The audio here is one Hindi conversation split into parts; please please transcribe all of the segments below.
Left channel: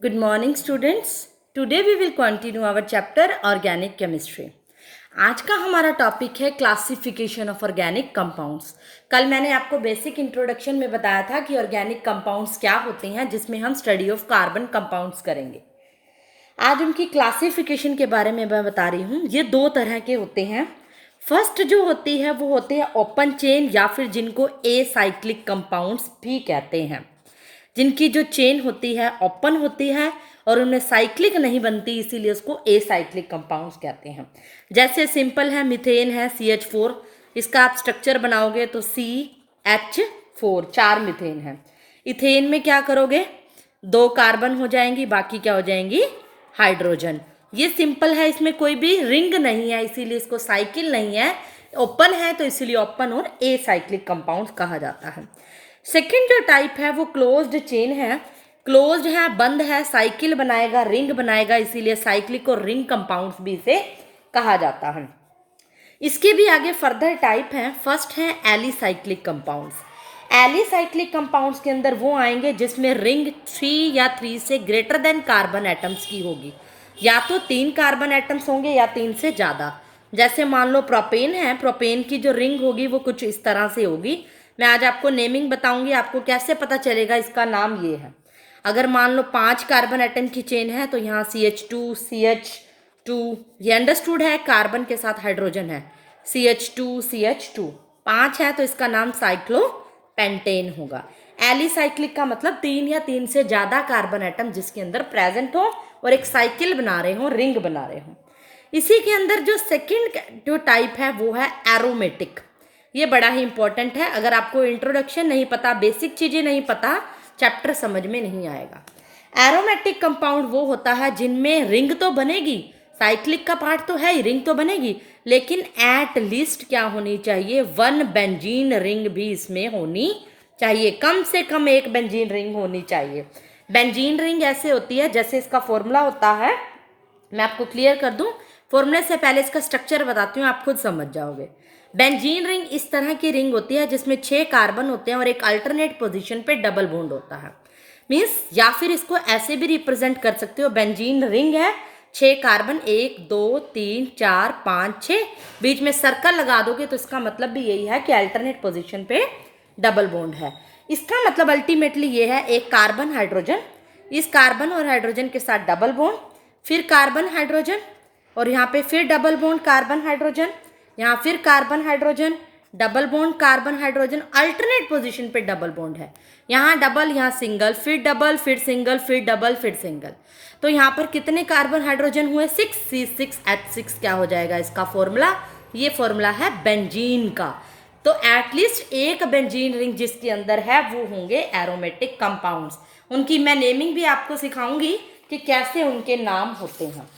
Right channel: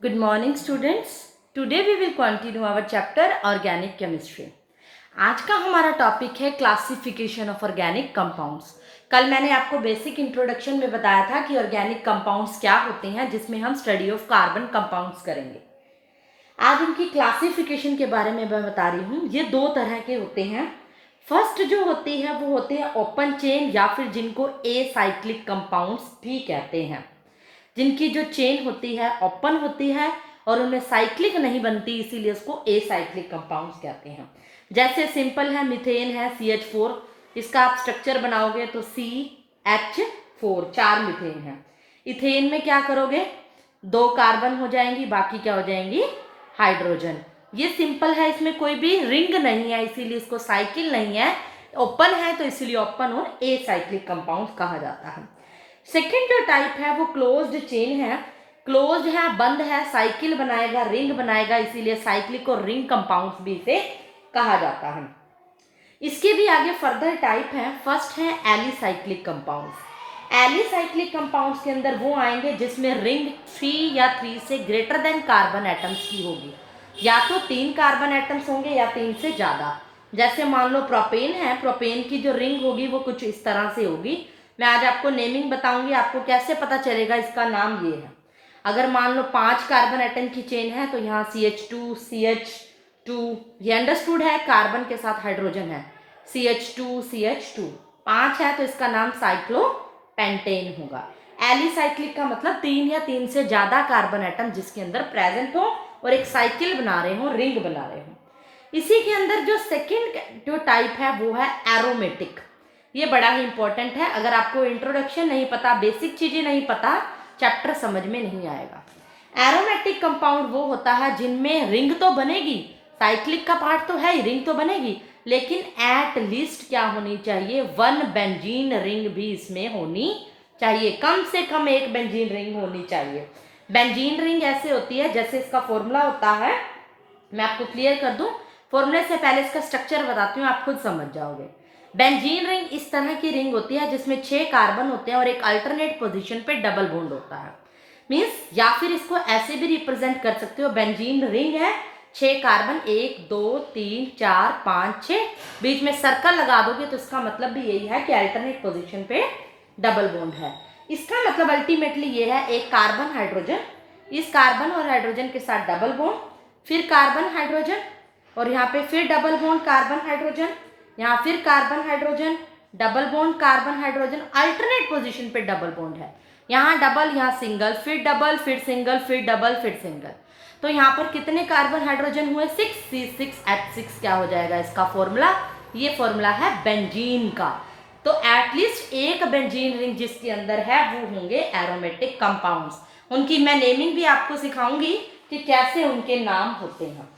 Good morning, students. Today we will continue our chapter Organic Chemistry. आज का हमारा टॉपिक है क्लासिफिकेशन ऑफ ऑर्गेनिक कंपाउंड्स। कल मैंने आपको बेसिक इंट्रोडक्शन में बताया था कि ऑर्गेनिक कंपाउंड्स क्या होते हैं, जिसमें हम स्टडी ऑफ कार्बन कंपाउंड्स करेंगे। आज उनकी क्लासिफिकेशन के बारे में मैं बता रही हूँ। ये दो तरह के होते हैं। फर्स्ट जो होती है वो होते हैं ओपन चेन, या फिर जिनको एसाइक्लिक कंपाउंड्स भी कहते हैं, जिनकी जो चेन होती है ओपन होती है और उनमें साइक्लिक नहीं बनती, इसीलिए उसको एसाइक्लिक कंपाउंड्स कहते हैं। जैसे सिंपल है, मीथेन है CH4, इसका आप स्ट्रक्चर बनाओगे तो CH4, 4 मीथेन है। इथेन में क्या करोगे, 2 कार्बन हो जाएंगी, बाकी क्या हो जाएंगी, हाइड्रोजन। ये सिंपल है, इसमें कोई भी रिंग नहीं है, इसीलिए इसको साइकिल नहीं है। ओपन है तो इसीलिए ओपन और एसाइक्लिक कंपाउंड कहा जाता है। सेकेंड जो टाइप है वो क्लोज्ड चेन है। क्लोज्ड है, बंद है, साइकिल बनाएगा, रिंग बनाएगा, इसीलिए साइक्लिक और रिंग कंपाउंड्स भी इसे कहा जाता है। इसके भी आगे फर्दर टाइप है। फर्स्ट है एलिसाइक्लिक कंपाउंड्स। एलिसाइक्लिक कंपाउंड्स के अंदर वो आएंगे जिसमें रिंग 3 या 3 से ग्रेटर देन कार्बन एटम्स की होगी। या तो 3 कार्बन एटम्स होंगे या 3 से ज़्यादा। जैसे मान लो प्रोपेन है, प्रोपेन की जो रिंग होगी वो कुछ इस तरह से होगी। मैं आज आपको नेमिंग बताऊंगी, आपको कैसे पता चलेगा इसका नाम ये है। अगर मान लो 5 कार्बन एटम की चेन है तो यहाँ CH2 CH2, ये अंडरस्टूड है, कार्बन के साथ हाइड्रोजन है, CH2 CH2, 5 है तो इसका नाम साइक्लोपेंटेन होगा। एलिसाइक्लिक का मतलब 3 या 3 से ज़्यादा कार्बन एटम जिसके अंदर प्रेजेंट हो और एक साइकिल बना रहे हो, रिंग बना रहे हो। इसी के अंदर जो सेकेंड जो टाइप है वो है एरोमेटिक। ये बड़ा ही इंपॉर्टेंट है। अगर आपको इंट्रोडक्शन नहीं पता, बेसिक चीज़ें नहीं पता, चैप्टर समझ में नहीं आएगा। एरोमेटिक कंपाउंड वो होता है जिनमें रिंग तो बनेगी, साइक्लिक का पार्ट तो है ही, रिंग तो बनेगी, लेकिन एट लीस्ट क्या होनी चाहिए, 1 बेंजीन रिंग भी इसमें होनी चाहिए। कम से कम 1 बेंजीन रिंग होनी चाहिए। बेंजीन रिंग ऐसे होती है, जैसे इसका फॉर्मूला होता है, मैं आपको क्लियर कर दूं। फॉर्मूले से पहले इसका स्ट्रक्चर बताती हूँ, आप खुद समझ जाओगे। बेंजीन रिंग इस तरह की रिंग होती है जिसमें 6 कार्बन होते हैं और एक अल्टरनेट पोजीशन पे डबल बॉन्ड होता है। मीन्स, या फिर इसको ऐसे भी रिप्रेजेंट कर सकते हो, बेंजीन रिंग है, 6 कार्बन, 1 2 3 4 5 6, बीच में सर्कल लगा दोगे तो इसका मतलब भी यही है कि अल्टरनेट पोजीशन पे डबल बॉन्ड है। इसका मतलब अल्टीमेटली ये है, एक कार्बन हाइड्रोजन, इस कार्बन और हाइड्रोजन के साथ डबल बॉन्ड, फिर कार्बन हाइड्रोजन, और यहाँ पे फिर डबल बॉन्ड कार्बन हाइड्रोजन, यहाँ फिर carbon hydrogen, double bond carbon hydrogen, alternate position पे डबल बॉन्ड है। यहाँ डबल, यहाँ सिंगल, फिर डबल, फिर सिंगल, फिर डबल, फिर सिंगल। तो यहाँ पर कितने कार्बन हाइड्रोजन हुए, 6 C6H6 क्या हो जाएगा इसका फॉर्मूला, ये फॉर्मूला है बेंजीन का। तो एटलीस्ट एक बेंजीन रिंग जिसके अंदर है वो होंगे एरोमेटिक कंपाउंड्स। उनकी मैं नेमिंग भी आपको सिखाऊंगी कि कैसे उनके नाम होते हैं।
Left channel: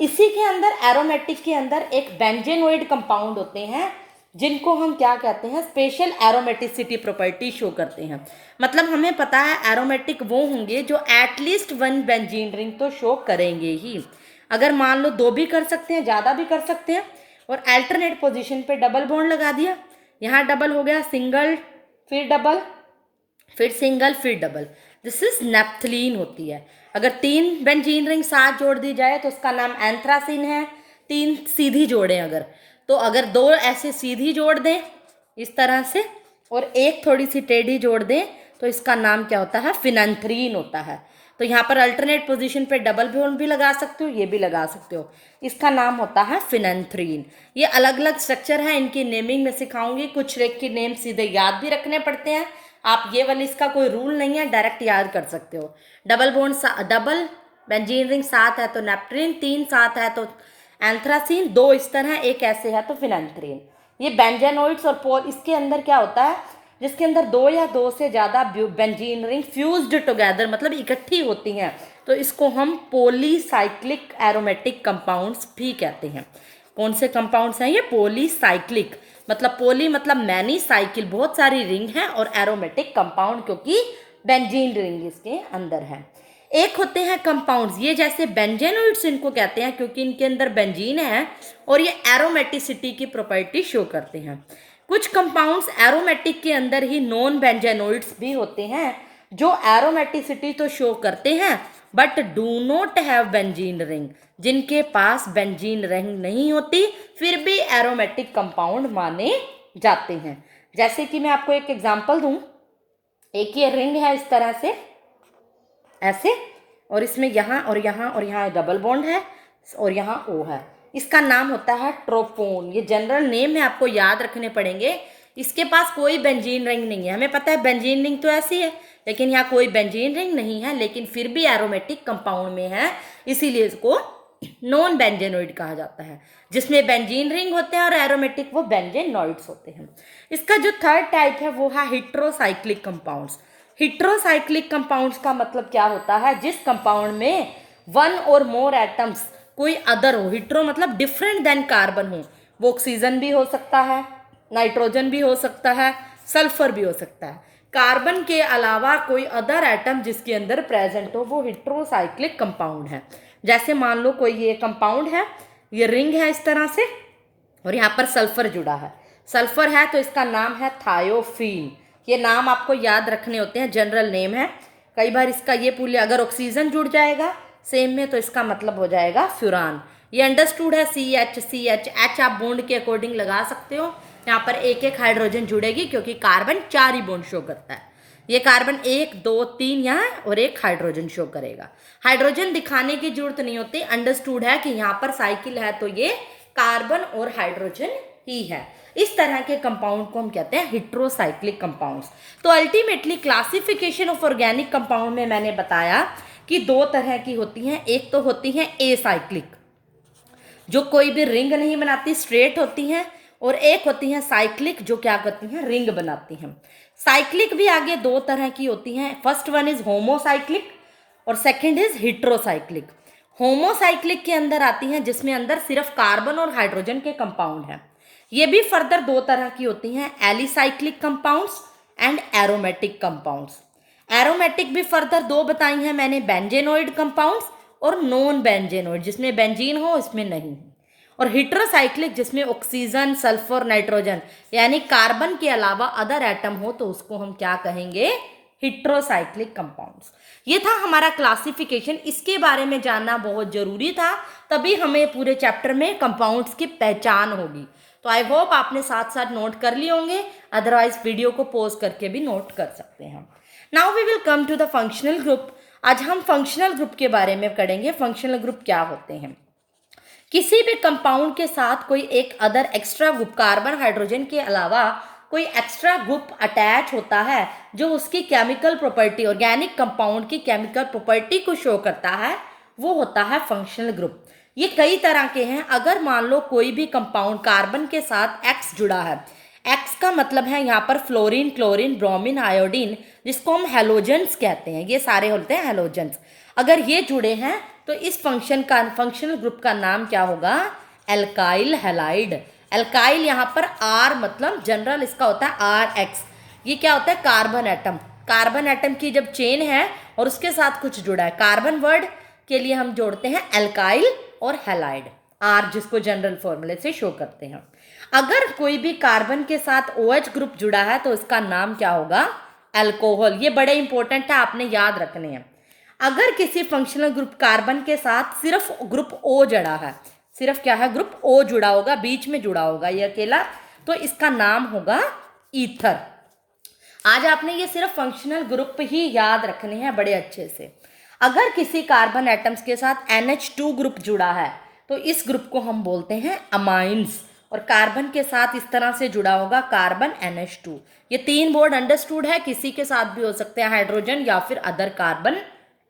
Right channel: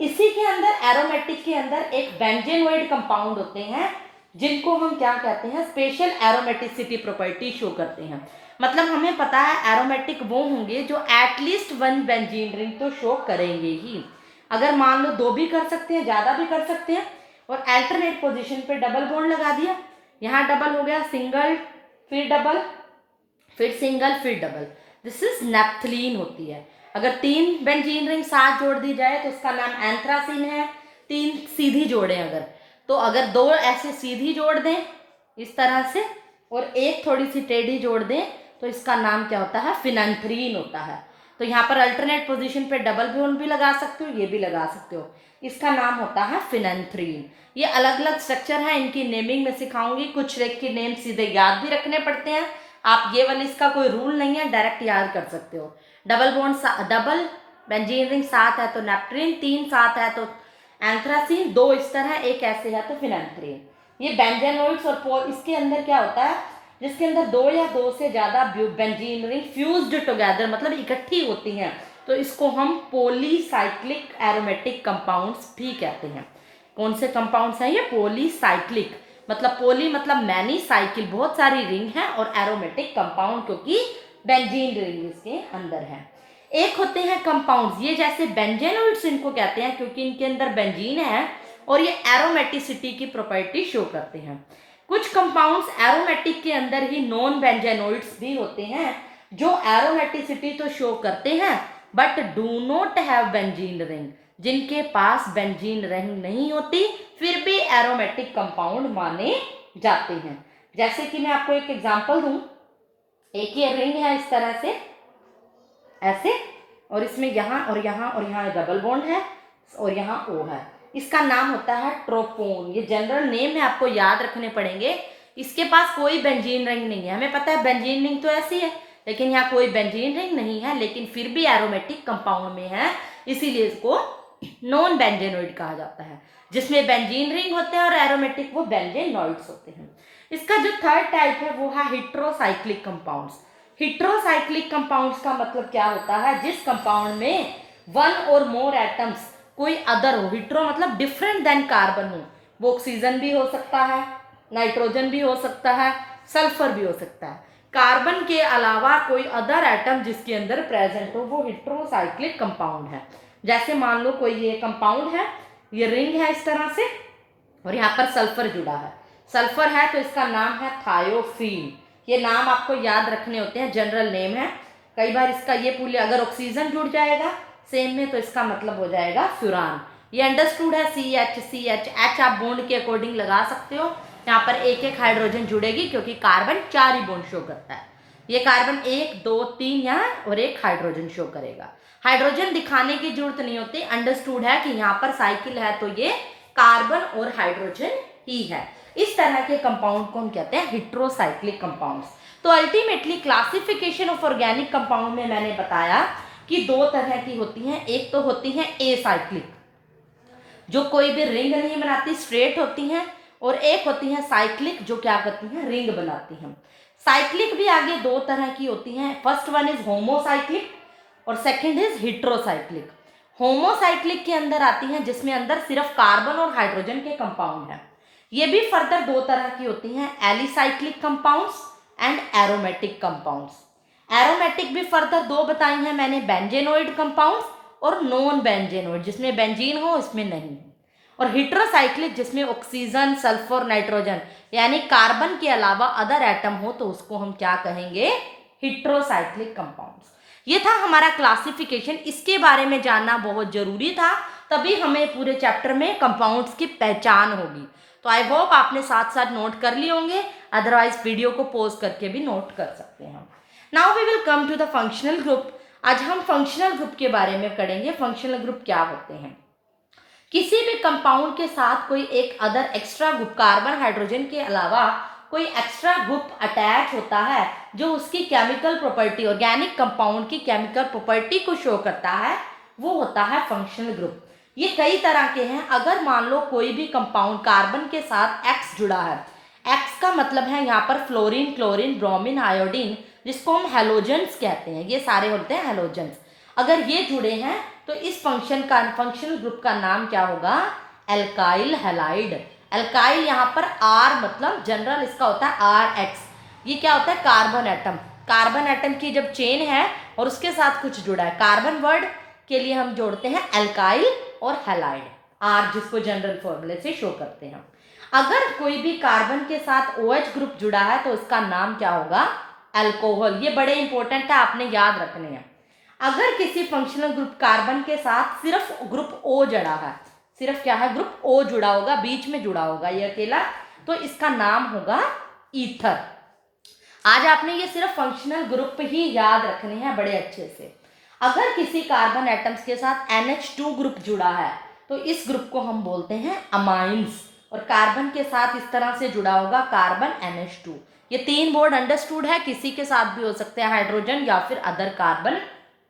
इसी के अंदर एरोमेटिक के अंदर एक बेंजेनोइड कंपाउंड होते हैं जिनको हम क्या कहते हैं, स्पेशल एरोमेटिसिटी प्रॉपर्टी शो करते हैं। मतलब हमें पता है एरोमेटिक वो होंगे जो एटलीस्ट 1 बेंजीन रिंग तो शो करेंगे ही। अगर मान लो 2 भी कर सकते हैं, ज़्यादा भी कर सकते हैं, और अल्टरनेट पोजीशन पे डबल बॉन्ड लगा दिया, यहाँ डबल हो गया, सिंगल, फिर डबल, फिर सिंगल, फिर डबल, दिस इज नेप्थलीन होती है। अगर 3 बेंजीन रिंग साथ जोड़ दी जाए तो उसका नाम एंथ्रासिन है। 3 सीधी जोड़ें अगर, तो अगर 2 ऐसे सीधी जोड़ दें इस तरह से और एक थोड़ी सी टेढ़ी जोड़ दें तो इसका नाम क्या होता है, फिनैंथ्रीन होता है। तो यहाँ पर अल्टरनेट पोजीशन पे डबल बॉन्ड भी लगा सकते हो, ये भी लगा सकते हो, इसका नाम होता है फिनैंथ्रीन। ये अलग अलग स्ट्रक्चर है, इनकी नेमिंग में सिखाऊंगी। कुछ की नेम सीधे याद भी रखने पड़ते हैं, आप ये वाली, इसका कोई रूल नहीं है, डायरेक्ट याद कर सकते हो। Double bond, double benzene ring 7 है तो नेप्ट्रीन, 3 7 है तो एंथ्रासिन, 2 इस तरह, एक ऐसे है तो फिनैंथ्रीन। ये बेंजेनोइड्स और इसके अंदर क्या होता है, जिसके अंदर 2 या 2 से ज़्यादा बेंजीन रिंग फ्यूज्ड टुगेदर, मतलब इकट्ठी होती हैं, तो इसको हम पॉलीसाइक्लिक एरोमेटिक कंपाउंड्स भी कहते हैं। कौन से कंपाउंड्स हैं ये, पॉलीसाइक्लिक, मतलब पोली मतलब मैनी, साइकिल बहुत सारी रिंग है, और एरोमेटिक कंपाउंड क्योंकि बेंजीन रिंग इसके अंदर है। एक होते हैं कंपाउंड्स, ये जैसे बेंजेनोइड्स इनको कहते हैं क्योंकि इनके अंदर बेंजीन है और ये एरोमेटिसिटी की प्रॉपर्टी शो करते हैं। कुछ कंपाउंड्स एरोमेटिक के अंदर ही नॉन बेंजेनोइड्स भी होते हैं जो एरोमेटिसिटी तो शो करते हैं but do not have benzene ring, जिनके पास बेंजीन रिंग नहीं होती फिर भी एरोमेटिक कंपाउंड माने जाते हैं। जैसे कि मैं आपको एक एग्जांपल दूं, एक ये रिंग है इस तरह से ऐसे, और इसमें यहाँ और यहाँ और यहाँ डबल बॉन्ड है और यहाँ O है, इसका नाम होता है ट्रोपोन। ये जनरल नेम है, आपको याद रखने पड़ेंगे। इसके पास कोई बेंजीन रिंग नहीं है, हमें पता है बेंजीन रिंग तो ऐसी है, लेकिन यहाँ कोई बेंजीन रिंग नहीं है, लेकिन फिर भी एरोमेटिक कंपाउंड में है, इसीलिए इसको नॉन बेंजेनोइड कहा जाता है। जिसमें बेंजीन रिंग होते हैं और एरोमेटिक वो बेंजेनोइड्स होते हैं। इसका जो थर्ड टाइप है वो है हेट्रोसाइक्लिक कंपाउंड्स। हेट्रोसाइक्लिक कंपाउंड्स का मतलब क्या होता है, जिस कंपाउंड में वन और मोर एटम्स कोई अदर हो, हिट्रो मतलब डिफरेंट देन कार्बन हो, वो ऑक्सीजन भी हो सकता है, नाइट्रोजन भी हो सकता है, सल्फर भी हो सकता है, कार्बन के अलावा कोई अदर एटम जिसके अंदर प्रेजेंट हो, वो हेट्रोसाइक्लिक कंपाउंड है। जैसे मान लो कोई ये कंपाउंड है, ये रिंग है इस तरह से, और यहाँ पर सल्फर जुड़ा है, सल्फर है तो इसका नाम है थायोफीन। ये नाम आपको याद रखने होते हैं, जनरल नेम है। कई बार इसका ये पूरे, अगर ऑक्सीजन जुड़ जाएगा सेम में तो इसका मतलब हो जाएगा फ्यूरान। ये अंडरस्टूड है, CH आप बॉन्ड के अकॉर्डिंग लगा सकते हो। यहाँ पर एक एक हाइड्रोजन जुड़ेगी क्योंकि कार्बन 4 ही बॉन्ड शो करता है। ये कार्बन 1 2 3 यहाँ और एक हाइड्रोजन शो करेगा। हाइड्रोजन दिखाने की जरूरत नहीं होती, अंडरस्टूड है कि यहाँ पर साइकिल है तो ये कार्बन और हाइड्रोजन ही है। इस तरह के कंपाउंड को हम कहते हैं हेट्रोसाइक्लिक कंपाउंड्स। तो ultimately classification of organic compound में मैंने बताया कि 2 तरह की होती हैं। एक तो होती है एसाइक्लिक, जो कोई भी रिंग नहीं बनाती, स्ट्रेट होती हैं, और एक होती है साइक्लिक, जो क्या करती हैं, रिंग बनाती हैं। साइक्लिक भी आगे 2 तरह की होती हैं। फर्स्ट वन इज होमोसाइक्लिक और सेकंड इज हेट्रोसाइक्लिक। होमोसाइक्लिक के अंदर आती हैं जिसमें अंदर सिर्फ कार्बन और हाइड्रोजन के कंपाउंड हैं। ये भी फर्दर 2 तरह की होती हैं, alicyclic compounds and aromatic compounds. Aromatic भी फर्दर 2 बताई हैं मैंने, बेंजेनोइड कंपाउंड्स और नॉन बेंजेनोइड, जिसमें बेंजीन हो उसमें नहीं हो, और हेट्रोसाइक्लिक जिसमें ऑक्सीजन सल्फर नाइट्रोजन यानी कार्बन के अलावा अदर एटम हो तो उसको हम क्या कहेंगे, हेट्रोसाइक्लिक कंपाउंड्स। ये था हमारा क्लासिफिकेशन। इसके बारे में जानना बहुत जरूरी था, तभी हमें पूरे चैप्टर में कंपाउंड्स की पहचान होगी। तो आई होप आपने साथ साथ नोट कर लिए होंगे, अदरवाइज वीडियो को पॉज करके भी नोट कर सकते हैं। Now we will come to the functional group. आज हम फंक्शनल ग्रुप के बारे में पढ़ेंगे। फंक्शनल ग्रुप क्या होते हैं, किसी भी कंपाउंड के साथ कोई एक other extra group carbon hydrogen के अलावा कोई एक्स्ट्रा ग्रुप अटैच होता है जो उसकी केमिकल प्रॉपर्टी, ऑर्गेनिक कंपाउंड की केमिकल प्रॉपर्टी को शो करता है, वो होता है फंक्शनल ग्रुप। ये कई तरह के हैं। अगर मान लो कोई भी कंपाउंड कार्बन के साथ X जुड़ा है, X का मतलब है यहाँ पर फ्लोरीन क्लोरीन ब्रोमीन आयोडीन, जिसको हम हेलोजेंस कहते हैं, ये सारे होते हैं हेलोजेंस। अगर ये जुड़े हैं तो इस फंक्शनल ग्रुप का नाम क्या होगा, एल्काइल हैलाइड। एल्काइल यहाँ पर R मतलब जनरल इसका होता है RX। ये क्या होता है, कार्बन एटम। कार्बन एटम की जब चेन है और उसके साथ कुछ जुड़ा है, कार्बन वर्ड के लिए हम जोड़ते हैं एल्काइल और हैलाइड, R जिसको जनरल फॉर्मूले से शो करते हैं। अगर कोई भी कार्बन के साथ OH ग्रुप जुड़ा है तो इसका नाम क्या होगा, अल्कोहल। ये बड़े इंपॉर्टेंट है, आपने याद रखने हैं। अगर किसी फंक्शनल ग्रुप कार्बन के साथ सिर्फ ग्रुप O जुड़ा है, सिर्फ क्या है, ग्रुप O जुड़ा होगा, बीच में जुड़ा होगा ये अकेला, तो इसका नाम होगा ईथर। आज आपने ये सिर्फ फंक्शनल ग्रुप ही याद रखने हैं बड़े अच्छे से। अगर किसी कार्बन एटम्स के साथ NH2 ग्रुप जुड़ा है तो इस ग्रुप को हम बोलते हैं अमाइंस, और कार्बन के साथ इस तरह से जुड़ा होगा कार्बन NH2। ये 3 बोर्ड अंडरस्टूड है, किसी के साथ भी हो सकते हैं, हाइड्रोजन या फिर अदर कार्बन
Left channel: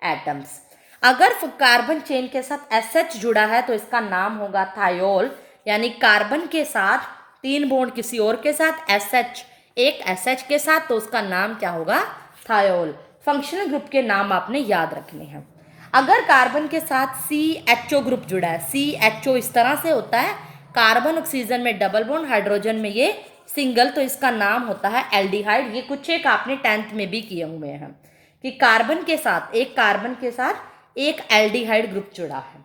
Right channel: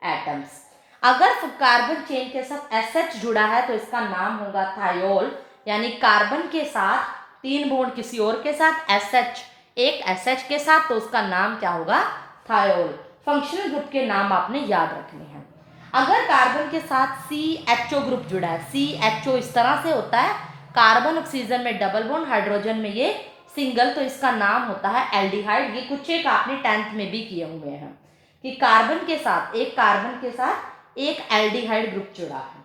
एटम्स। अगर कार्बन चेन के साथ SH जुड़ा है तो इसका नाम होगा थायोल, यानी कार्बन के साथ 3 बॉन्ड किसी और के साथ, SH एक SH के साथ, तो उसका नाम क्या होगा, थायोल। फंक्शनल ग्रुप के नाम आपने याद रखने हैं। अगर कार्बन के साथ CHO ग्रुप जुड़ा है, CHO इस तरह से होता है, कार्बन ऑक्सीजन में डबल बॉन्ड, हाइड्रोजन में ये सिंगल, तो इसका नाम होता है एल्डिहाइड। ये कुछ एक आपने 10th में भी किए हुए हैं कि कार्बन के साथ एक एल्डिहाइड ग्रुप जुड़ा है।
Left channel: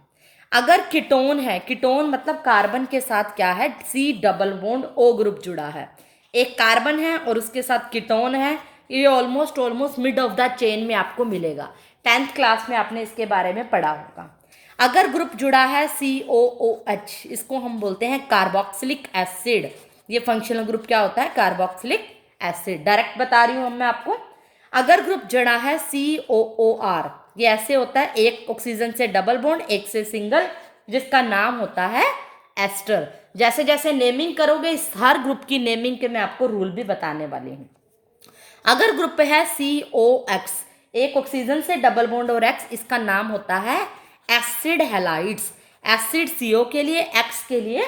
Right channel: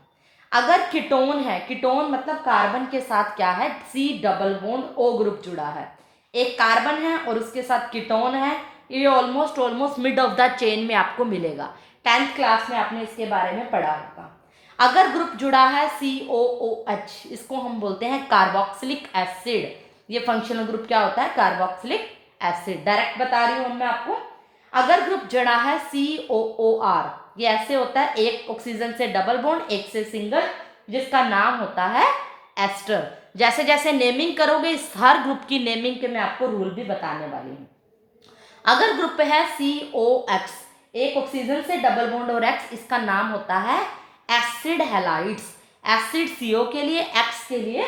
अगर कीटोन है, कीटोन मतलब कार्बन के साथ क्या है, C double bond O group जुड़ा है, एक कार्बन है और उसके साथ कीटोन है, ये almost mid of the chain में आपको मिलेगा। 10th क्लास में आपने इसके बारे में पढ़ा होगा। अगर ग्रुप जुड़ा है COOH, इसको हम बोलते हैं कार्बोक्सिलिक एसिड। ये फंक्शनल ग्रुप क्या होता है? Carboxylic acid. डायरेक्ट बता रही हूँ मैं आपको। अगर ग्रुप जुड़ा है COOR, ये ऐसे होता है, एक ऑक्सीजन से डबल बॉन्ड, एक से सिंगल, जिसका नाम होता है एस्टर। जैसे जैसे नेमिंग करोगे, इस हर ग्रुप की नेमिंग के मैं आपको रूल भी बताने वाली हूँ। अगर ग्रुप है COX, एक ऑक्सीजन से डबल बॉन्ड और X, इसका नाम होता है एसिड हैलाइड्स। एसिड CO के लिए, X के लिए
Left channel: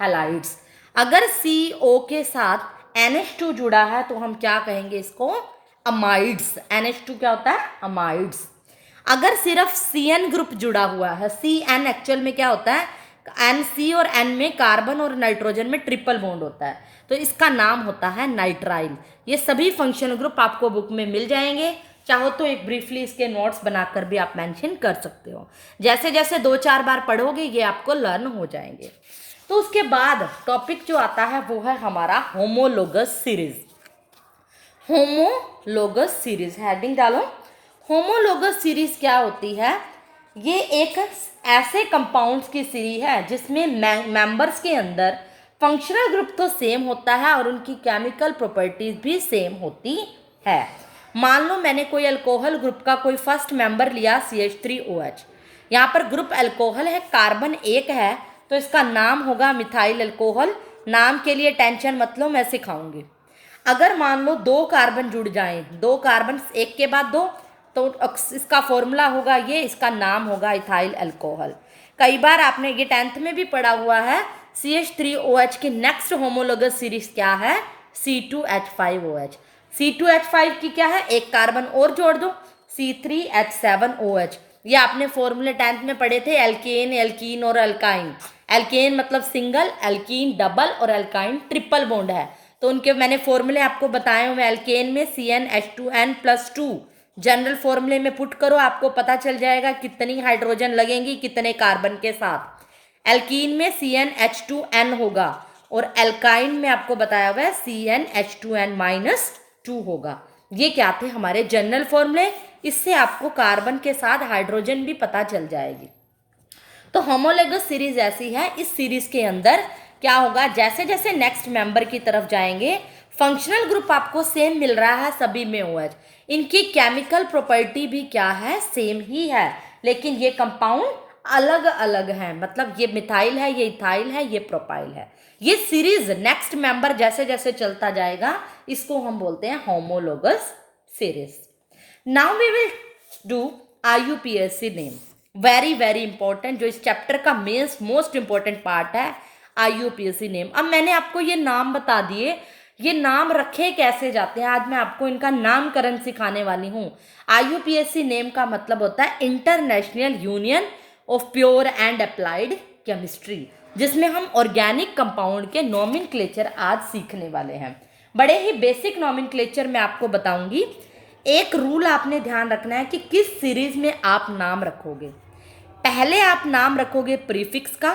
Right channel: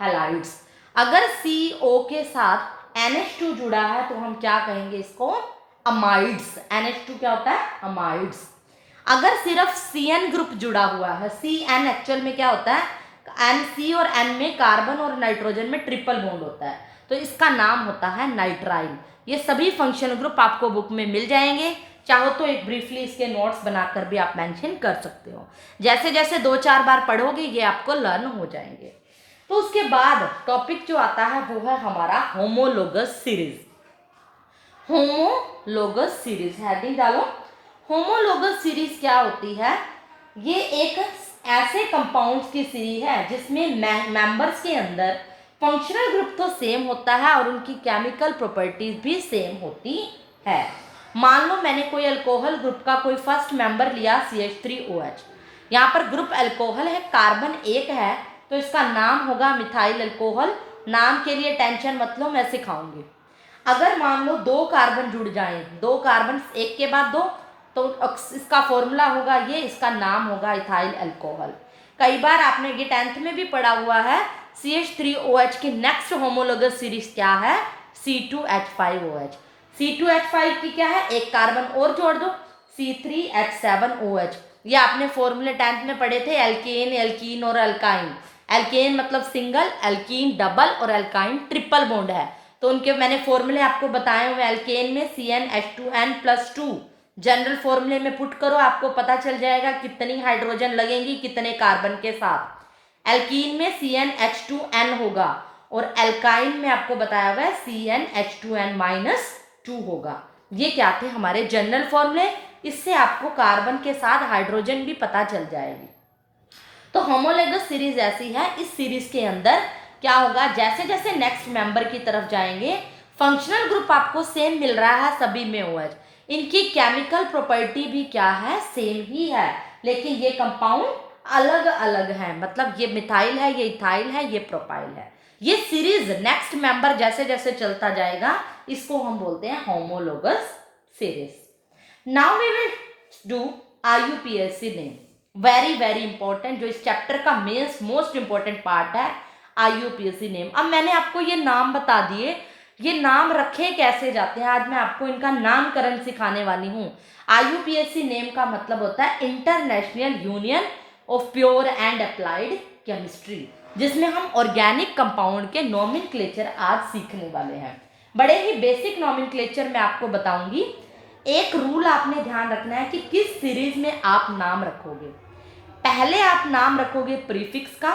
हैलाइड्स। अगर CO के साथ NH2 जुड़ा है तो हम क्या कहेंगे इसको? अमाइड्स। NH2 क्या होता है? अमाइड्स। अगर सिर्फ CN ग्रुप जुड़ा हुआ है, CN एक्चुअल में क्या होता है? NC और N में कार्बन और नाइट्रोजन में ट्रिपल बॉन्ड होता है, तो इसका नाम होता है नाइट्राइल। ये सभी फंक्शनल ग्रुप आपको बुक में मिल जाएंगे। चाहो तो एक ब्रीफली इसके नोट्स बनाकर भी आप मेंशन कर सकते हो। जैसे जैसे 2-4 बार पढ़ोगे ये आपको लर्न हो जाएंगे। तो उसके बाद टॉपिक जो आता है वो है हमारा homologous series. Homologous series, heading डालो। होमोलोगस सीरीज क्या होती है? ये एक ऐसे कंपाउंड्स की सीरीज है जिसमें मेंबर्स के अंदर फंक्शनल ग्रुप तो सेम होता है और उनकी केमिकल प्रॉपर्टीज भी सेम होती है। मान लो मैंने कोई अल्कोहल ग्रुप का कोई फर्स्ट मेंबर लिया CH3OH। यहाँ पर ग्रुप अल्कोहल है, कार्बन 1 है, तो इसका नाम होगा मिथाइल अल्कोहल। नाम के लिए टेंशन मत लो, मैं सिखाऊंगी। अगर मान लो 2 कार्बन जुड़ जाएं, 2 कार्बन एक के बाद 2, तो इसका फॉर्मूला होगा ये, इसका नाम होगा इथाइल अल्कोहल। कई बार आपने ये 10th में भी पढ़ा हुआ है। CH3OH की नेक्स्ट होमोलोगस सीरीज क्या है? C2H5OH। C2H5 की क्या है? एक कार्बन और जोड़ दो, C3H7OH। ये आपने फॉर्मूले 10th में पढ़े थे, एल्केन, एल्कीन और अल्काइन। एल्केन मतलब सिंगल, एल्कीन डबल और अल्काइन ट्रिपल बॉन्ड है, तो उनके मैंने फॉर्मूले आपको बताए हुए। एल्केन में CnH2n+2, जनरल फॉर्मूले में पुट करो, आपको पता चल जाएगा कितनी हाइड्रोजन लगेंगी कितने कार्बन के साथ। एल्कीन में CnH2n होगा और एल्काइन में आपको बताया हुआ है CnH2n-2 होगा। ये क्या थे? हमारे जनरल फॉर्मूले। इससे आपको कार्बन के साथ हाइड्रोजन भी पता चल जाएगी। तो होमोलोगस सीरीज ऐसी है। इस सीरीज के अंदर क्या होगा? जैसे जैसे नेक्स्ट मेंबर की तरफ जाएंगे, फंक्शनल ग्रुप आपको सेम मिल रहा है सभी में OH, इनकी केमिकल प्रॉपर्टी भी क्या है? सेम ही है, लेकिन ये कंपाउंड अलग अलग है। मतलब ये मिथाइल है, ये इथाइल है, ये प्रोपाइल है। ये सीरीज नेक्स्ट मेंबर जैसे जैसे चलता जाएगा, इसको हम बोलते हैं homologous series. Now we will do IUPAC name. Very very important, जो इस चैप्टर का मोस्ट इंपॉर्टेंट पार्ट है, IUPAC नेम। अब मैंने आपको ये नाम बता दिए, ये नाम रखे कैसे जाते हैं, आज मैं आपको इनका नामकरण सिखाने वाली हूँ। IUPAC नेम का मतलब होता है international union of pure and applied chemistry, जिसमें हम ऑर्गेनिक कंपाउंड के नॉमेनक्लेचर आज सीखने वाले हैं। बड़े ही बेसिक नॉमेनक्लेचर मैं आपको बताऊंगी। एक रूल आपने ध्यान रखना है कि किस सीरीज में आप नाम रखोगे। पहले आप नाम रखोगे प्रीफिक्स का,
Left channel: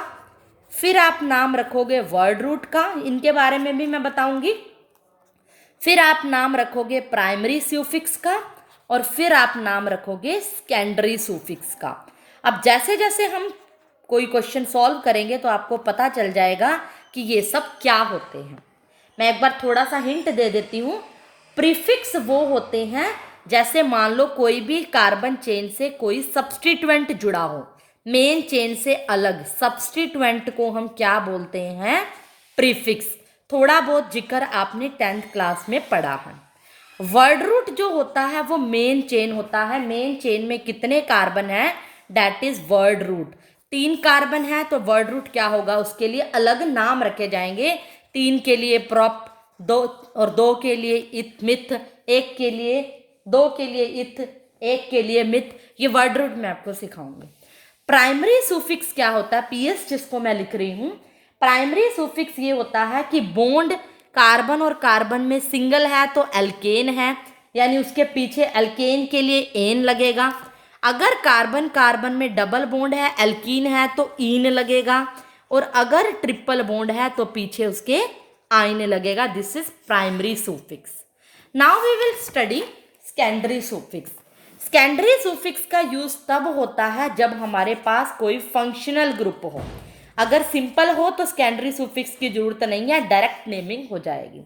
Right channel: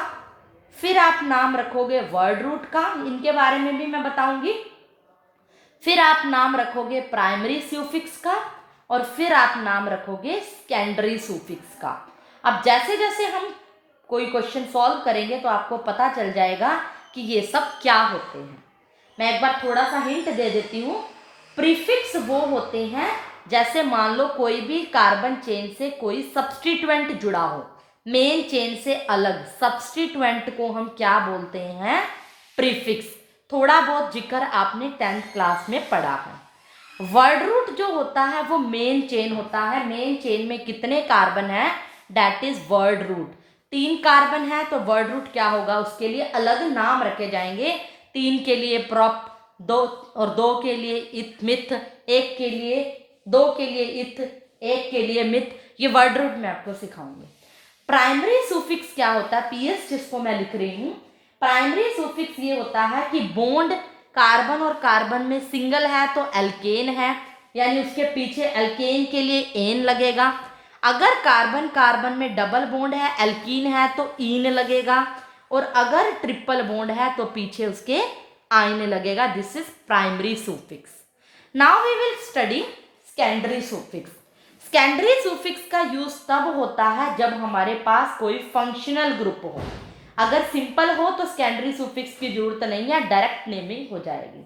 फिर आप नाम रखोगे वर्ड रूट का, इनके बारे में भी मैं बताऊंगी, फिर आप नाम रखोगे प्राइमरी सुफिक्स का, और फिर आप नाम रखोगे सेकेंडरी सुफिक्स का। अब जैसे जैसे हम कोई क्वेश्चन सॉल्व करेंगे तो आपको पता चल जाएगा कि ये सब क्या होते हैं। मैं एक बार थोड़ा सा हिंट दे देती हूँ। प्रीफिक्स वो होते हैं, जैसे मान लो कोई भी कार्बन चेन से कोई सब्स्टिट्यूएंट जुड़ा हो, मेन चेन से अलग, सब्स्टिट्यूएंट को हम क्या बोलते हैं? प्रीफिक्स। थोड़ा बहुत जिक्र आपने 10th क्लास में पढ़ा है। वर्ड रूट जो होता है वो मेन चेन होता है। मेन चेन में कितने कार्बन है? That is word root. 3 carbon है तो वर्ड रूट क्या होगा? उसके लिए अलग नाम रखे जाएंगे। 3 के लिए प्रॉप, 2 और 2 के लिए इथ मिथ, 1 के लिए, 2 के लिए इथ, 1 के लिए मिथ। ये वर्ड रूट मैं आपको सिखाऊंगी। प्राइमरी सुफिक्स क्या होता है? PS जिसको मैं लिख रही हूँ, प्राइमरी सुफिक्स ये होता है कि बॉन्ड कार्बन और कार्बन में सिंगल है तो एल्केन है, यानी उसके पीछे एल्केन के लिए एन लगेगा। अगर कार्बन कार्बन में डबल बॉन्ड है, एल्कीन है, तो ईन लगेगा, और अगर ट्रिपल बॉन्ड है तो पीछे उसके आइन लगेगा। This is primary suffix. Now we will study secondary suffix. Secondary suffix का यूज तब होता है जब हमारे पास कोई फंक्शनल ग्रुप हो। अगर सिंपल हो तो सेकेंडरी सुफिक्स की जरूरत नहीं है, डायरेक्ट नेमिंग हो जाएगी।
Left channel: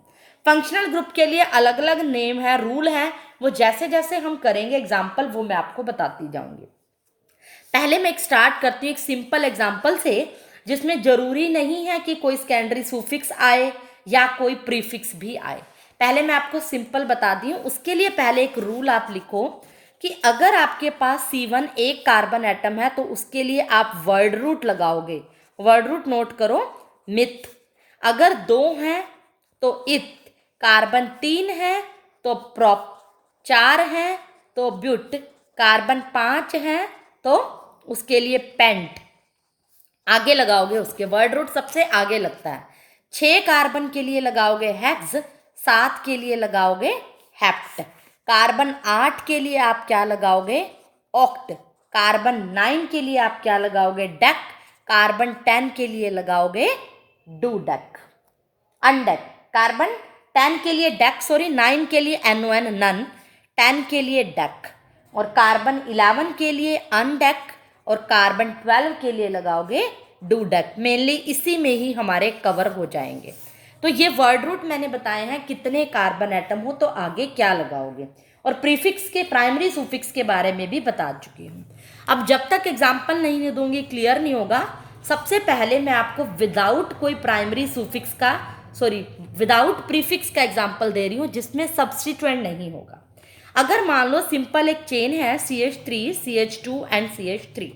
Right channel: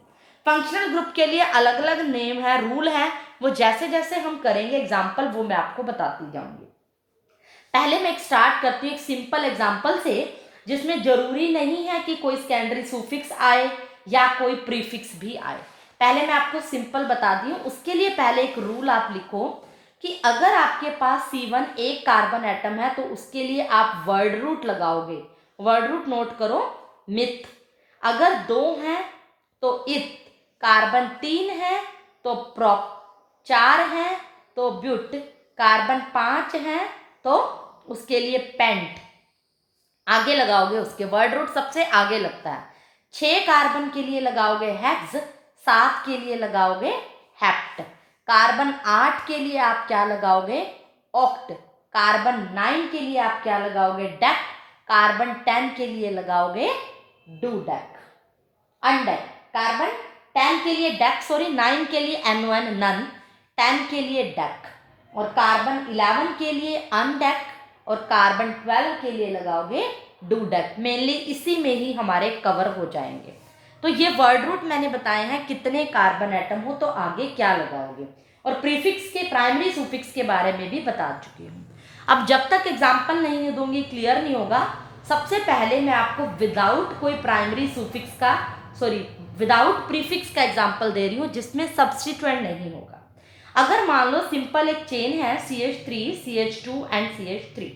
फंक्शनल ग्रुप के लिए अलग अलग नेम है, रूल है, वो जैसे जैसे हम करेंगे एग्जाम्पल वो मैं आपको बताती जाऊंगी। पहले मैं एक स्टार्ट करती हूँ एक सिंपल एग्जाम्पल से, जिसमें जरूरी नहीं है कि कोई सेकेंडरी सुफिक्स आए या कोई प्रीफिक्स भी आए। पहले मैं आपको सिंपल बता दी हूँ। उसके लिए पहले एक रूल आप लिखो कि अगर आपके पास C1 एक कार्बन एटम है तो उसके लिए आप वर्ड रूट लगाओगे। वर्ड रूट नोट करो, मिथ। अगर 2 हैं तो इथ, कार्बन 3 है तो प्रॉप, 4 है तो ब्यूट, कार्बन 5 है तो उसके लिए पेंट। आगे लगाओगे उसके वर्ड रूट सबसे आगे लगता है। 6 कार्बन के लिए लगाओगे हेक्स, 7 के लिए लगाओगे हेप्ट, कार्बन 8 के लिए आप क्या लगाओगे ऑक्ट, कार्बन 9 के लिए आप क्या लगाओगे डेक, कार्बन 10 के लिए लगाओगे डूडेक, अनडेक। कार्बन 10 के लिए डेक, सॉरी 9 के लिए NON नन, 10 के लिए डेक, और कार्बन 11 के लिए अनडेक, और कार्बन 12 के लिए लगाओगे डूडेक। मेनली इसी में ही हमारे कवर हो जाएंगे। तो ये वर्ड रूट मैंने बताए हैं कितने कार्बन एटम हो तो आगे क्या लगाओगे, और प्रीफिक्स के प्राइमरी सुफिक्स के बारे में भी बता चुकी हूँ। अब जब तक एग्जाम्पल नहीं दूंगी क्लियर नहीं होगा। सबसे पहले मैं आपको विदाउट कोई प्राइमरी सुफिक्स का, सॉरी विदाउट प्रीफिक्स का एग्जाम्पल दे रही हूँ जिसमें सब्स्टिट्यूएंट नहीं होगा। अगर मान लो सिंपल एक चेन है CH3 CH2 एंड CH3,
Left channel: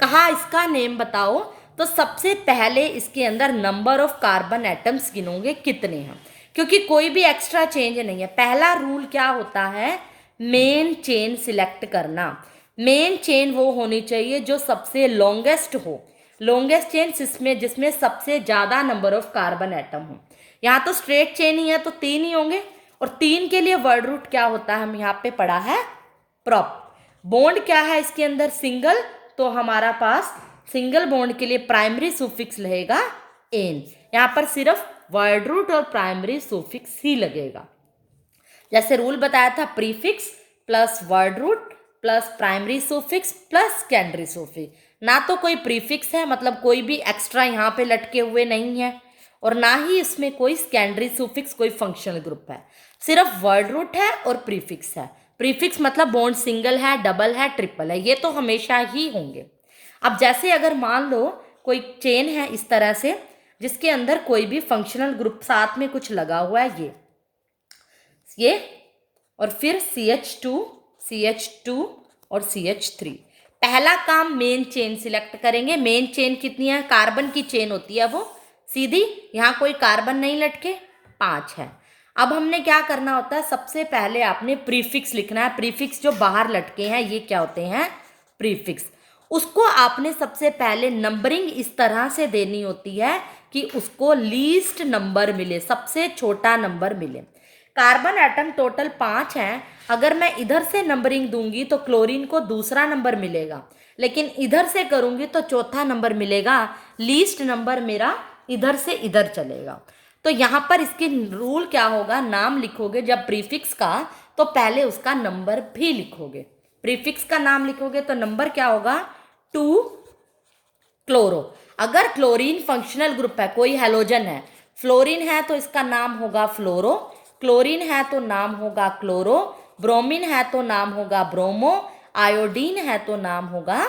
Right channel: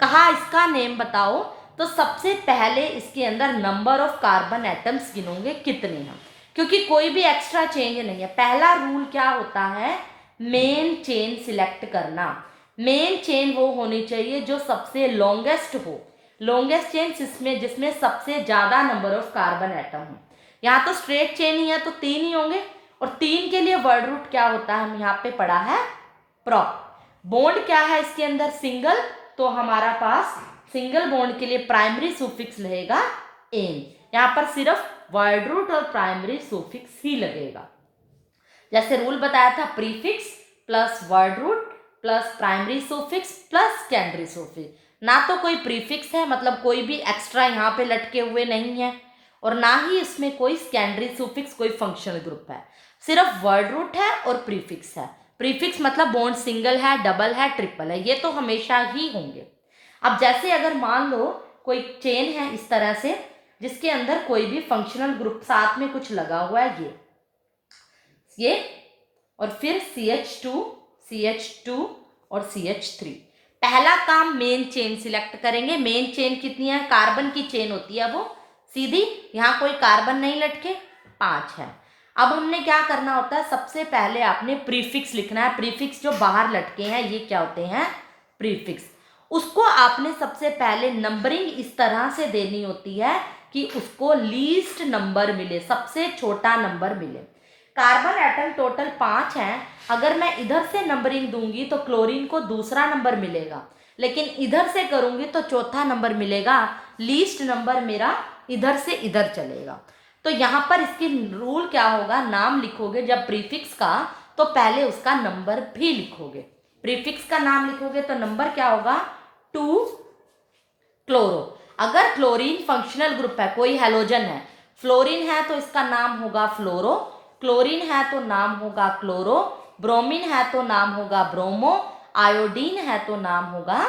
कहा इसका नेम बताओ, तो सबसे पहले इसके अंदर नंबर ऑफ कार्बन एटम्स गिनोगे कितने हैं, क्योंकि कोई भी एक्स्ट्रा चेंज नहीं है। पहला रूल क्या होता है, मेन चेन सिलेक्ट करना। मेन चेन वो होनी चाहिए जो सबसे लॉन्गेस्ट हो, लॉन्गेस्ट चेन जिसमें सबसे ज़्यादा नंबर ऑफ कार्बन एटम हो। यहाँ तो स्ट्रेट चेन ही है तो 3 ही होंगे, और 3 के लिए वर्ड रूट क्या होता है, हम यहाँ पे पढ़ा है प्रॉप। बॉन्ड क्या है इसके अंदर, सिंगल, तो हमारा पास सिंगल बॉन्ड के लिए प्राइमरी सुफिक्स रहेगा एन। यहाँ पर सिर्फ वर्ड रूट और प्राइमरी सुफिक्स ही लगेगा। जैसे रूल बताया था, prefix plus word root plus primary suffix plus secondary suffix. ना तो कोई प्रीफिक्स है, मतलब कोई भी एक्स्ट्रा यहाँ पे लटके हुए नहीं है, और ना ही इसमें कोई सेकेंडरी सुफिक्स कोई फंक्शनल ग्रुप है। सिर्फ वर्ड रूट है और प्रीफिक्स है। प्रीफिक्स मतलब बॉन्ड सिंगल है, डबल है, ट्रिपल है, ये तो हमेशा ही होंगे। अब जैसे अगर मान लो कोई चेन है इस तरह से जिसके अंदर कोई भी फंक्शनल ग्रुप साथ में कुछ लगा हुआ है, ये और फिर CH2 और CH3। पहला काम मेन चेन सिलेक्ट करेंगे। मेन चेन कितनी है, कार्बन की चेन होती है वो सीधी, यहाँ कोई कार्बन नहीं लटके, 5 है। अब हमने क्या करना होता है, सबसे पहले आपने प्रीफिक्स लिखना है। प्रीफिक्स जो बाहर लटके हैं ये क्या होते हैं, प्रीफिक्स। उसको आपने सबसे पहले नंबरिंग इस तरह से देनी होती है कि उसको लीस्ट नंबर मिले, सबसे छोटा नंबर मिले। कार्बन एटम टोटल 5 हैं। अगर मैं इधर से नंबरिंग दूंगी तो क्लोरीन को दूसरा नंबर मिलेगा, लेकिन इधर से करूंगी तो चौथा नंबर मिलेगा। लीस्ट नंबर मेरा इधर से इधर चलेगा। तो यहाँ पर इसकी रूल क्या होगा, नाम लिखोगे जब प्रीफिक्स का तो पहले उसका नंबर भी लिखोगे। प्रीफिक्स का नाम लिखोगे तो नंबर क्या होगा, 2 क्लोरो। अगर क्लोरीन फंक्शनल ग्रुप है, कोई हेलोजन है, फ्लोरीन है तो इसका नाम होगा फ्लोरो, क्लोरीन है तो नाम होगा क्लोरो, ब्रोमीन है तो नाम होगा ब्रोमो, आयोडीन है तो नाम होगा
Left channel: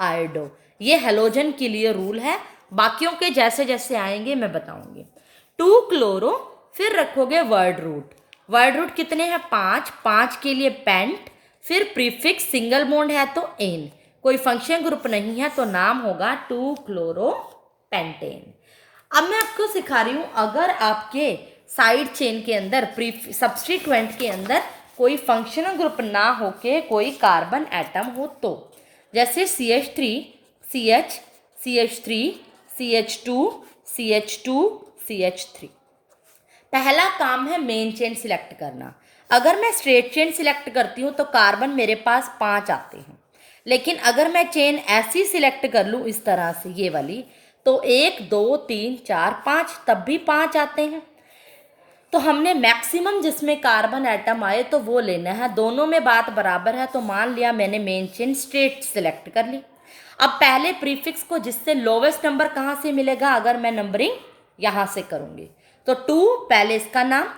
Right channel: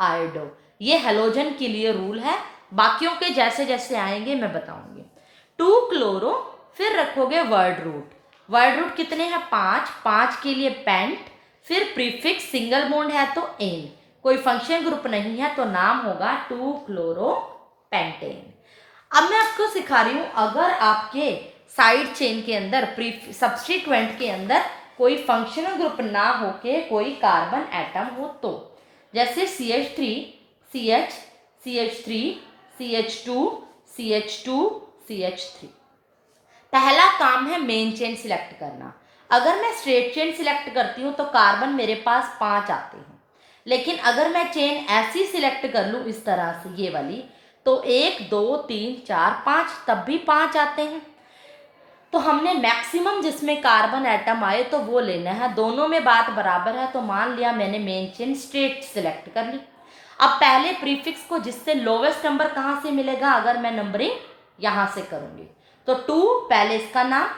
आयोडो। ये हेलोजन के लिए रूल है, बाकियों के जैसे जैसे आएंगे मैं बताऊंगी। 2 क्लोरो, फिर रखोगे वर्ड रूट। वर्ड रूट कितने हैं, 5, 5 के लिए पेंट, फिर प्रीफिक्स सिंगल बॉन्ड है तो एन, कोई फंक्शन ग्रुप नहीं है तो नाम होगा 2 क्लोरो पेंटेन। अब मैं आपको सिखा रही हूँ, अगर आपके साइड चेन के अंदर सब्स्टिट्यूएंट के अंदर कोई फंक्शनल ग्रुप ना होके कोई कार्बन एटम हो तो, जैसे CH3 CH CH3 CH2 CH2 CH3। पहला काम है मेन चेन सिलेक्ट करना। अगर मैं स्ट्रेट चेन सिलेक्ट करती हूँ तो कार्बन मेरे पास 5 आते हैं, लेकिन अगर मैं चेन ऐसी सिलेक्ट कर लूँ इस तरह से ये वाली, तो 1 2 3 4 5 तब भी 5 आते हैं। तो हमने मैक्सिमम जिसमें कार्बन एटम आए तो वो लेना है, दोनों में बात बराबर है। तो मान लिया मैंने मेन चेन स्ट्रेट सिलेक्ट कर ली। अब पहले प्रीफिक्स को जिससे लोवेस्ट नंबर कहाँ से मिलेगा, अगर मैं नंबरिंग यहाँ से करूँगी तो 2 पहले इसका नाम।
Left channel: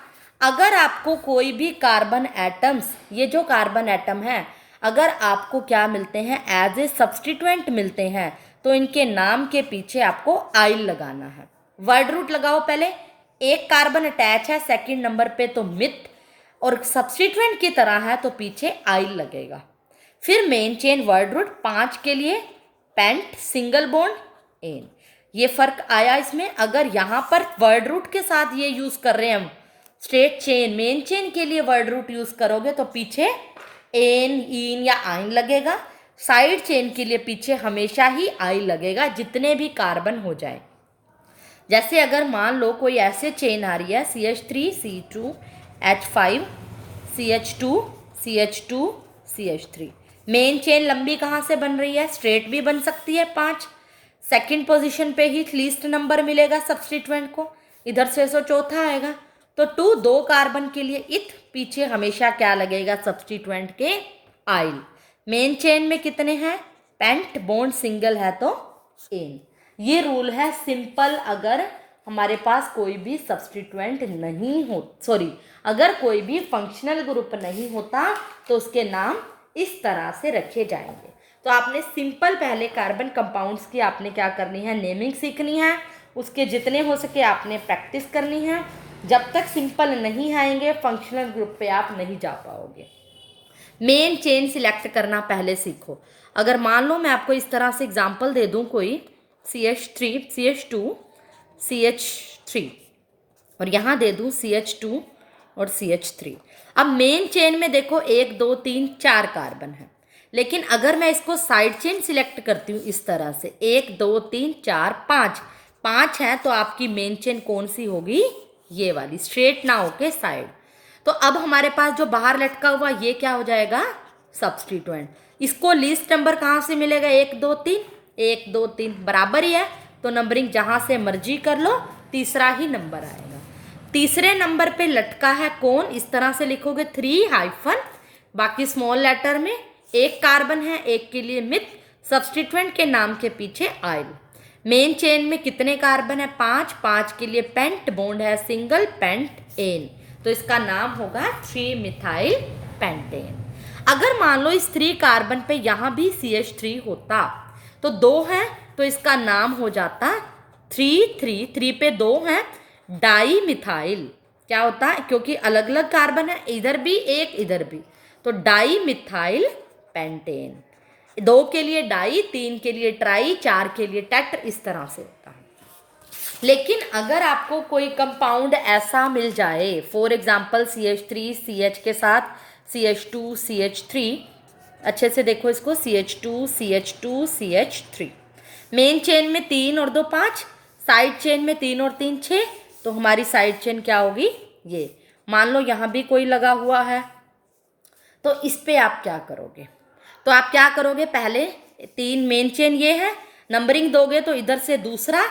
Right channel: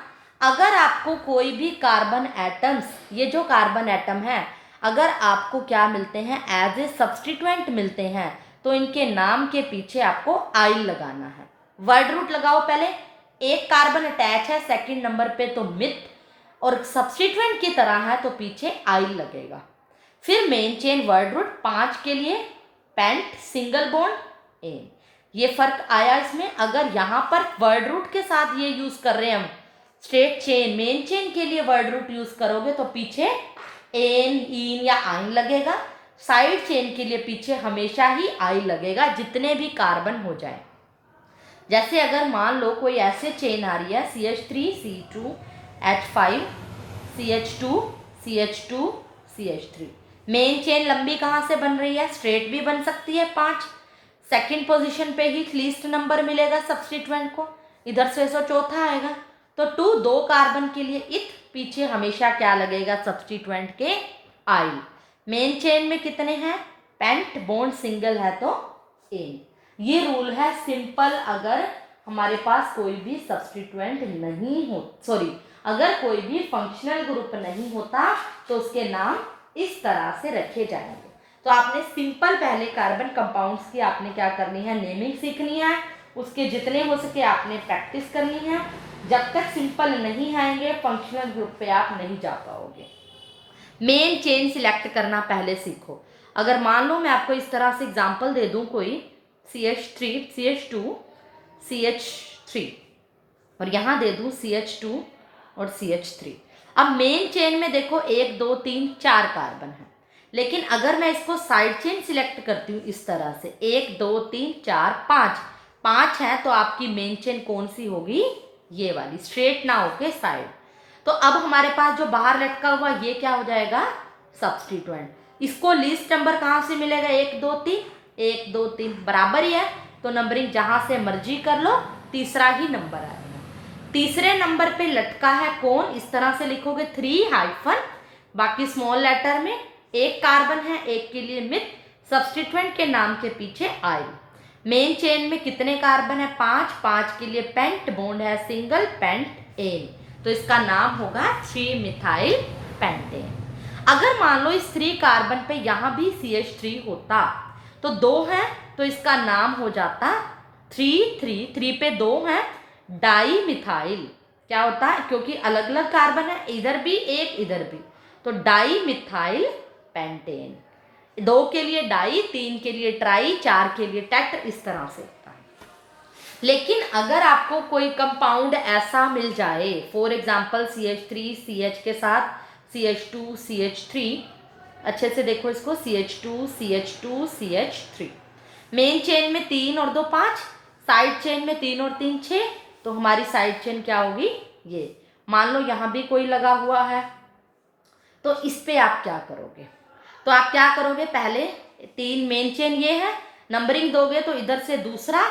अगर आपको कोई भी कार्बन एटम्स, ये जो कार्बन एटम है, अगर आपको क्या मिलते हैं, एज ए सब्सटीट्यूएंट मिलते हैं, तो इनके नाम के पीछे आपको आइल लगाना है। वर्ड रूट लगाओ पहले, एक कार्बन अटैच है सेकंड नंबर पे तो मिथ, और सब्सटीट्यूएंट की तरह है तो पीछे आइल लगेगा। फिर मेन चेन वर्ड रूट 5 के लिए पेंट सिंगल बॉन्ड एन। ये फर्क आया इसमें। अगर यहाँ पर वर्ड रूट के साथ ये यूज कर रहे हैं हम, स्ट्रेट चेन मेन चेन के लिए वर्ड रूट यूज करोगे तो पीछे एन इन या आइन लगेगा। साइड चेन के लिए पीछे हमेशा ही आइल लगेगा, जितने भी कार्बन हो जाए। जैसे अगर मान लो कोई ऐसे चेन आ रही है CH3 C2 H5 CH2 CH2 CH3, main chain लंबी कहाँ से बन रही है, स्ट्रेट भी बन सकती है 5, सेकंड पोजीशन पे ही लीस्ट नंबर मिलेगा सब्सटीट्यूएंट को, इधर से सो चौथा आएगा। तो 2 2 कार्बन के लिए इथ, पीछे हमेशा क्या लगेगा, सब्सटीट्यूएंट के आइल। मेन चेन में कितने हैं, पेंट बॉन्ड सिंगल है तो एन। ये रूल है सिंपल। अगर हमारे पास कोई भी सब्सटीट्यूएंट नहीं हो, सॉरी, अगर कोई भी फंक्शनल ग्रुप नहीं होता तो उसके नाम इस तरह से रखे जाएंगे। तो आपने सिंपल पहले कार्बन कंपाउंड्स की आपने क्या करनी है, नेमिंग सीखनी है, उसके जितने हो सके आपने प्रैक्टिस करनी है। जब तक सिंपल नहीं आएंगे फंक्शनल ग्रुप पे आप नहीं जा पाओगे। मेन चेन सिलेक्ट करना पहले सीखो। अगर मान लो मैं आपको इस तरह से एग्जांपल दे दूं, कोई CH3 CH2 CH3 और यहाँ दे दूं CH2 और CH3। अब मेन चेन में देखो 1 2 3 4 कार्बन है, लेकिन अगर मैं इसको साइड चेन सिलेक्ट करती हूँ इस तरह से 1 2 3 4 5 है, तो आपकी मेन चेन कौन सी होगी, ये वाली, स्ट्रेट ना होके साइड। तो अब हमारे पास जो बाहर लटका हुआ ये क्या हो जाएगा, सब्सटीट्यूएंट। इसको लीस्ट नंबर कहाँ से मिलेगा, 1 2 3 1 2 3 बराबर ही है, तो नंबरिंग जहाँ से मर्जी कर लो, तीसरा ही नंबर आएगा। तीसरे नंबर पे लटका है कौन, इस तरह से लिखोगे 3 हाइफन, बाकी स्मॉल लेटर में, एक कार्बन है, एक के लिए मिथ, सब्सटीट्यूएंट के नाम के पीछे आइल। मेन चेन में कितने कार्बन है, 5 के लिए पेंट बॉन्ड है सिंगल, पेंट एन, तो इसका नाम होगा 3 मिथाइल पेंटेन। अगर मान लो इस 3 कार्बन पे यहाँ भी CH3 होता तो 2 है, तो इसका नाम हो जाता 3 पे 2 है, डाई मिथाइल। क्या होता है, क्योंकि अलग अलग कार्बन है, इधर भी एक इधर भी, तो डाई मिथाइल पेंटेन। 2 के लिए डाई, 3 के लिए ट्राई, 4 के लिए टेट्र, इस तरह से होता है। लेकिन अगर आपको कोई कंपाउंड ऐसा मिल जाए, फॉर एग्जाम्पल CH3 CH के साथ CH2 CH3, अच्छे से देखो इसको, CH2 CH3, मेन चेन में 3 और 2 5, साइड चेन में 3 और 3 6, तो हमारी साइड चेन क्या होगी, ये। मान लो यहाँ भी कोई लगा हुआ है, तो इस पे आप क्या करोगे, तो आप क्या करोगे, पहले 3 मेन चेन ये है, नंबरिंग दोगे तो इधर से दूसरा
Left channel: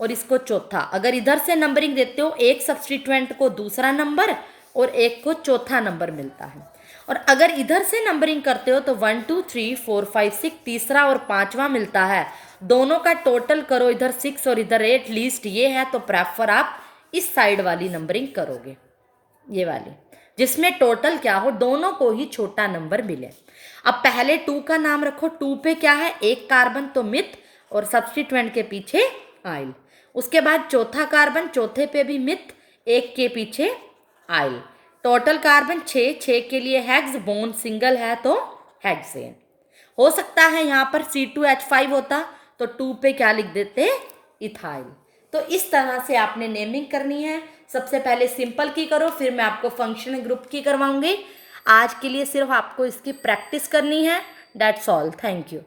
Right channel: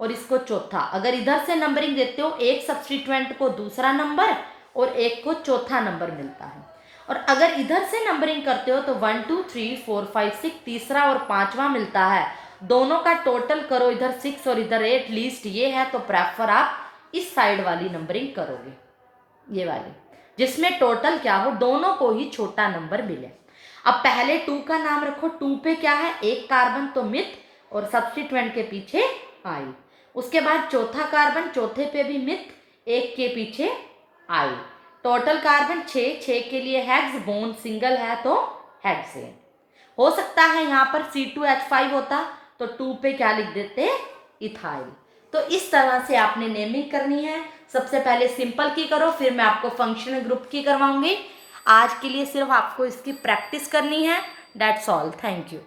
और इसको चौथा। अगर इधर से नंबरिंग देते हो, एक सब्सटीट्यूएंट को दूसरा नंबर और एक को चौथा नंबर मिलता है। और अगर इधर से नंबरिंग करते हो तो 1 2 3 4 5 6 तीसरा और पांचवा मिलता है, दोनों का टोटल करो, इधर 6 और इधर 8, लीस्ट ये है, तो प्रेफर आप इस साइड वाली नंबरिंग करोगे, ये वाली, जिसमें टोटल क्या हो, दोनों को ही छोटा नंबर मिले। अब पहले 2 का नाम रखो, 2 पे क्या है, एक कार्बन तो मिथ और सब्सटीट्यूएंट के पीछे आइल। उसके बाद चौथा कार्बन, चौथे पे भी मिथ, एक के पीछे आइल। टोटल कार्बन 6 के लिए हेक्स, बॉन्ड सिंगल है तो हेक्सेन। हो सकता है यहाँ पर C2H5 होता तो 2 पे क्या लिख देते, इथाइल। तो इस तरह से आपने नेमिंग करनी है। सबसे पहले सिंपल की करो, फिर मैं आपको फंक्शनल ग्रुप की करवाऊंगी। आज के लिए सिर्फ आपको इसकी प्रैक्टिस करनी है। That's all, thank you.